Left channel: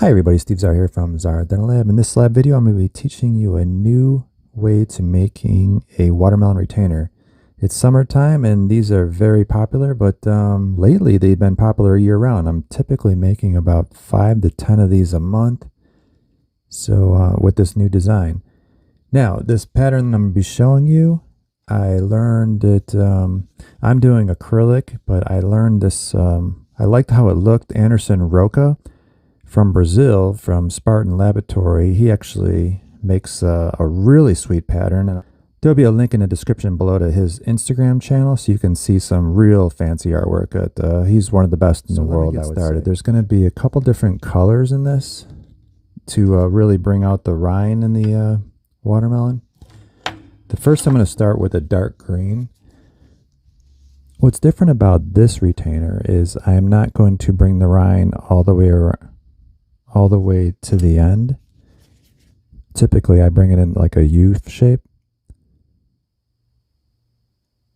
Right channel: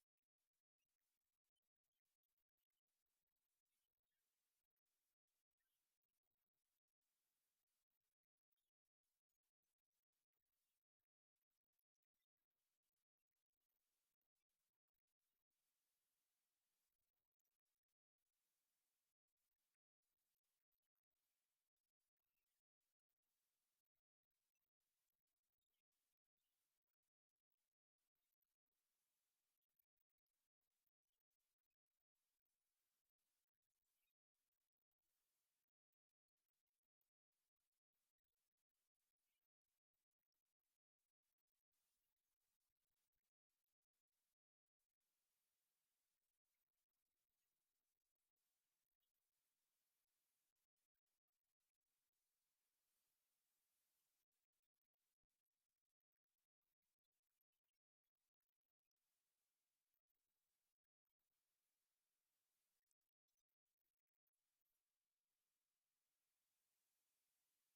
Hi everybody, Steve Szara here from Szara Dental Lab. In this lab video, I'm going to be teaching you a new way to making a watermelon retainer. It's summertime and these are very popular, but lately they've been popular year-round. I'm typically making about 5 to 10 of these a month, so with this new design. Now, this pattern I'm going to be showing you, I learned it, I'm doing acrylic, but I learned this, I liked how it looked. Anderson Roca from Brazil, from Spartan Laboratory, he actually makes a really sweet pattern. And there'll be a link in the description below to his Instagram channel so you can see some real fancy artwork. He's one of the best in the world. Let me get started. There's going to be a couple different colors in this to really bring out the rind in the watermelon. The first, I'm going to start with a dark green. What's different about this retainer is I am not going to bring the rind all the way to the end. Typically I bring it in like a U shape,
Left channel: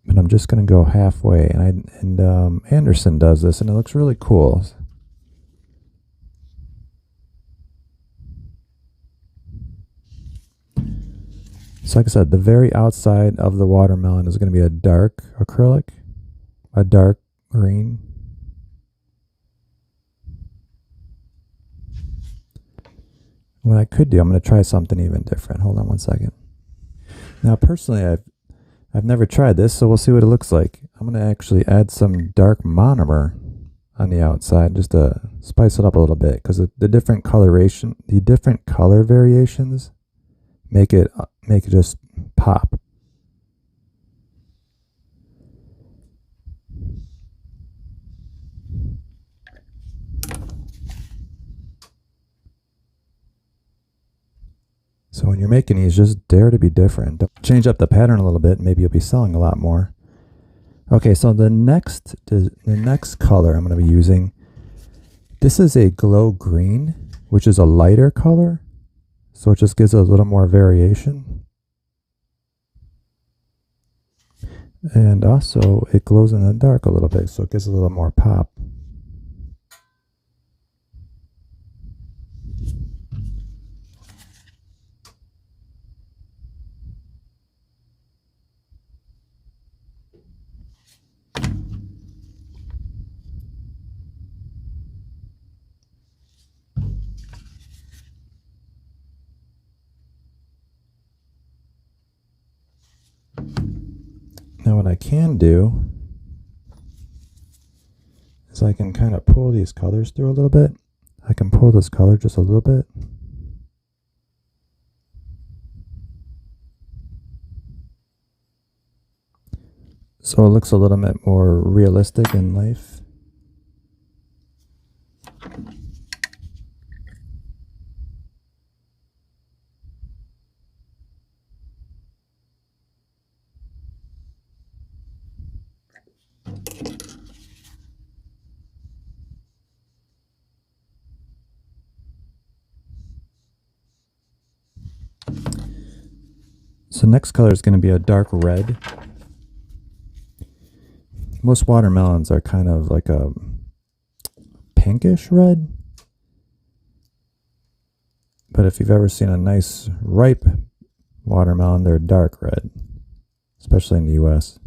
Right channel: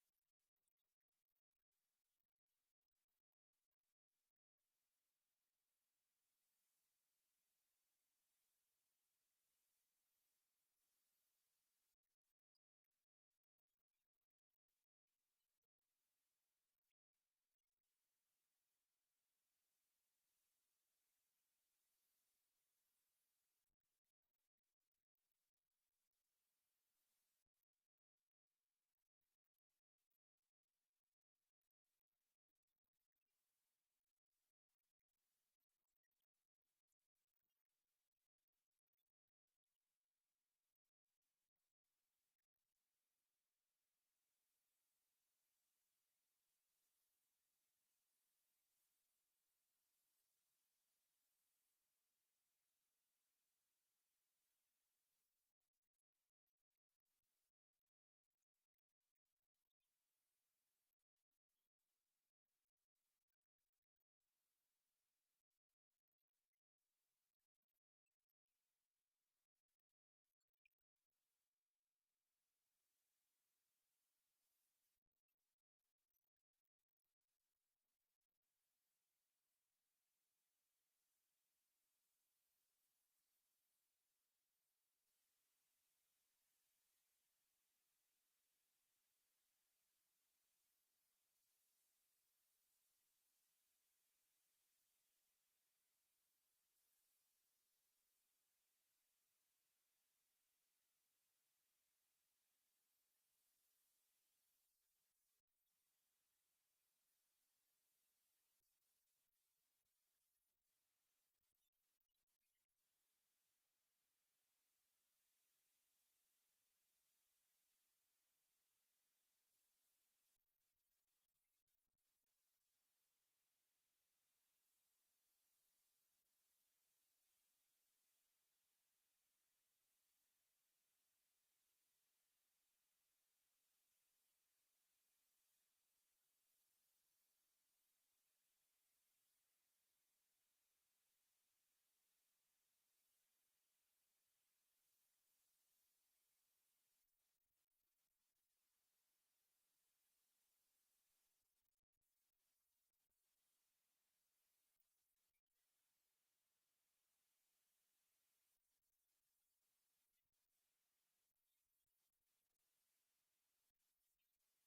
but I'm just going to go halfway, and Anderson does this and it looks really cool. So like I said, the very outside of the watermelon is going to be a dark acrylic, a dark green. What I could do, I'm going to try something even different. Hold on one second. Now, personally, I've never tried this, so we'll see what it looks like. I'm going to actually add some dark monomer on the outside just to spice it up a little bit, because the different color variations make it just pop. So when you're making these, just dare to be different. Change up the pattern a little bit, maybe you'll be selling a lot more. Okay, so the next color I'm going to be using, this is a glow green, which is a lighter color, so it just gives it a little more variation. And also it glows in the dark a little bit, so it gives a little more pop. Now what I can do is I can kind of pull these colors through a little bit. I can pull this color just a little bit. So it looks a little bit more realistic in life. So next color is going to be a dark red. Most watermelons are kind of like a pinkish red. But if you've ever seen a nice ripe watermelon, they're dark red, especially in the US.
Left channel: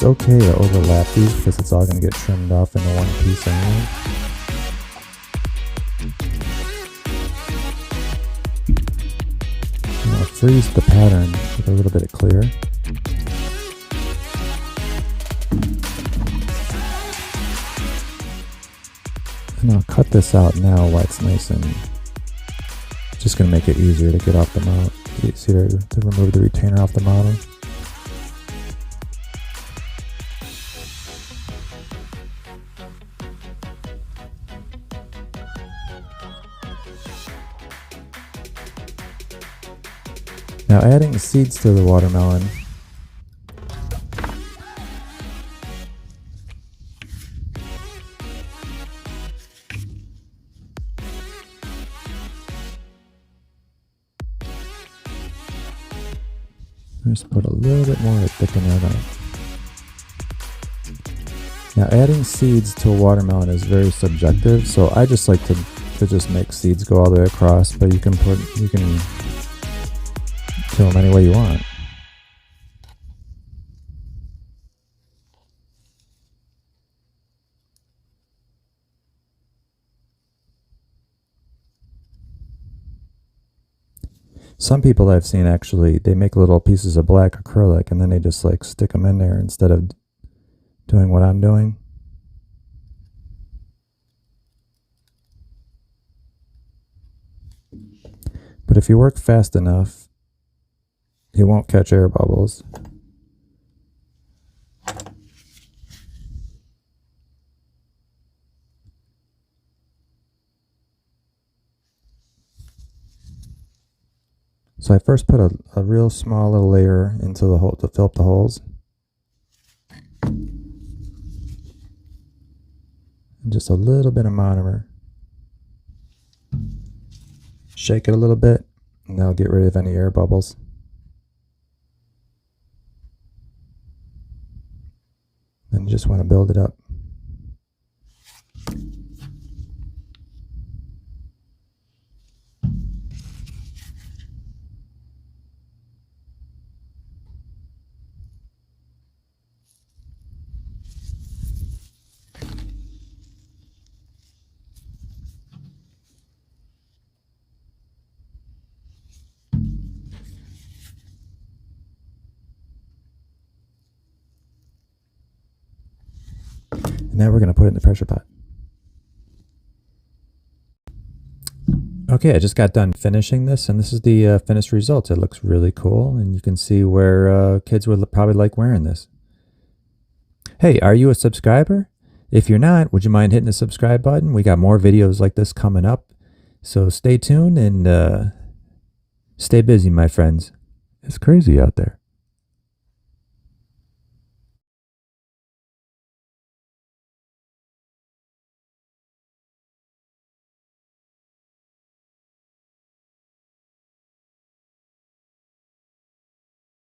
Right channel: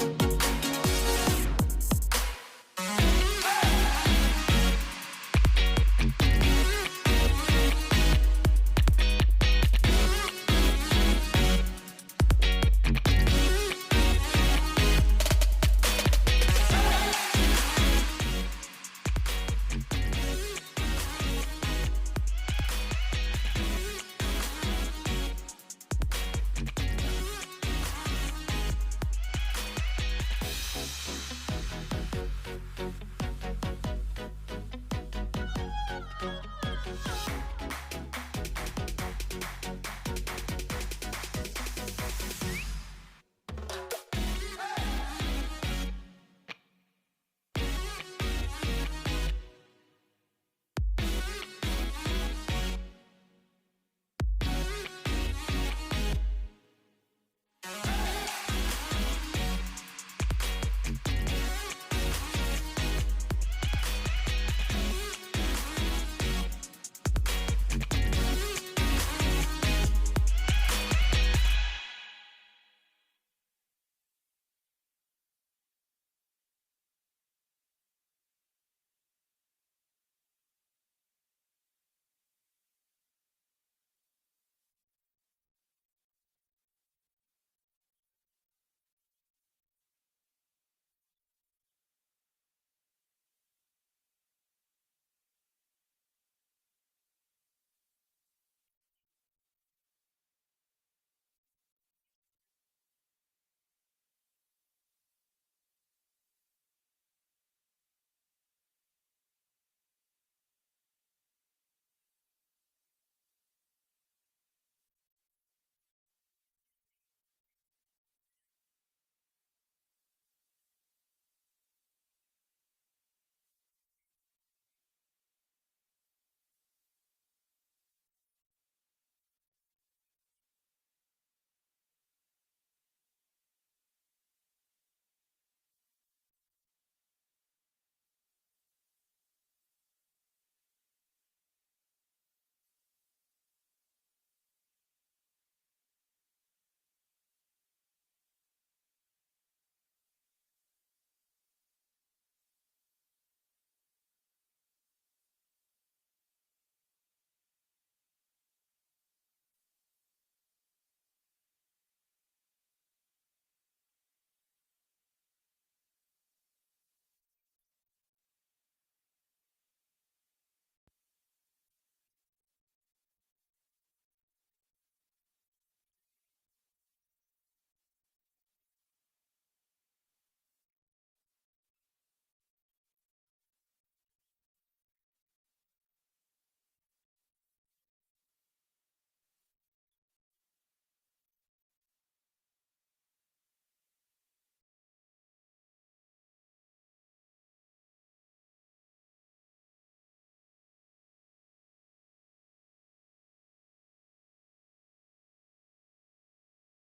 it's okay to overlap these because it's all going to get trimmed off into one piece anyway. I'll freeze the pattern with a little bit of clear. And I'll cut this out now while it's nice and just going to make it easier to get off the model. Easier to remove the retainer off the model. Now adding seeds to the watermelon. Just put a little bit more to thicken that up. Now adding seeds to a watermelon is very subjective, so I just like to just make seeds go all the way across, but you can fill them any way you want. Some people I've seen actually, they make little pieces of black acrylic and then they just like stick them in there instead of doing what I'm doing. But if you work fast enough, you won't catch air bubbles. So I first put a real small little layer into the hole to fill up the holes. And just a little bit of monomer. Shake it a little bit, and that'll get rid of any air bubbles. Then you just want to build it up. Now we're going to put it in the pressure pot. Okay, I just got done finishing this, and this is the finished result. It looks really cool, and you can see where kids would probably like wearing this. Hey, are you a subscriber? If you're not, would you mind hitting the subscribe button? We got more videos like this coming up, so stay tuned and stay busy, my friends. It's crazy out there.